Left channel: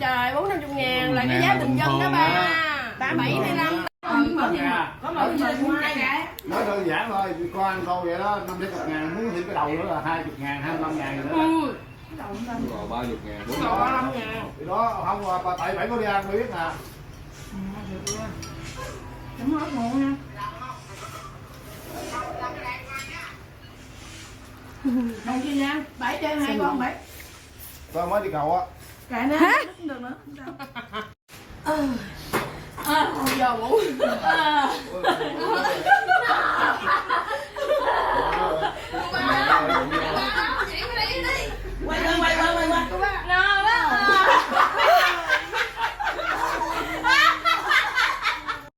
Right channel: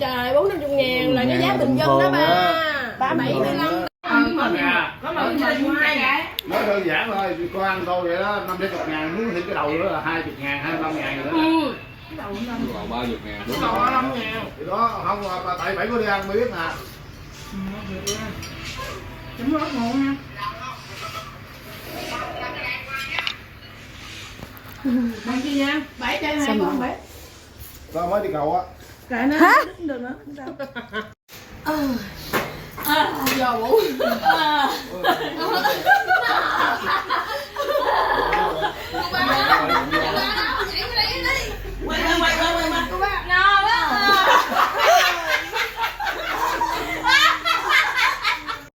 Trời 450.000 là cái giá bình dân đó ba. 75. Có mà nó đơn giản thôi, con ăn thôi vậy đó, 50.000 muốn thêm cái đầu nữa là 20.000, 25.000 nữa. Rồi 30.000, 45.000. Thì đó không mà tại phải có đi ăn mới biết nè. Chấm rớt ngộ nha. Bạn chi nha? 7 chơi 2 con 7. Tao mới đi cầu á. Lại nữa. Hả? Không được nữa. Giờ bụng.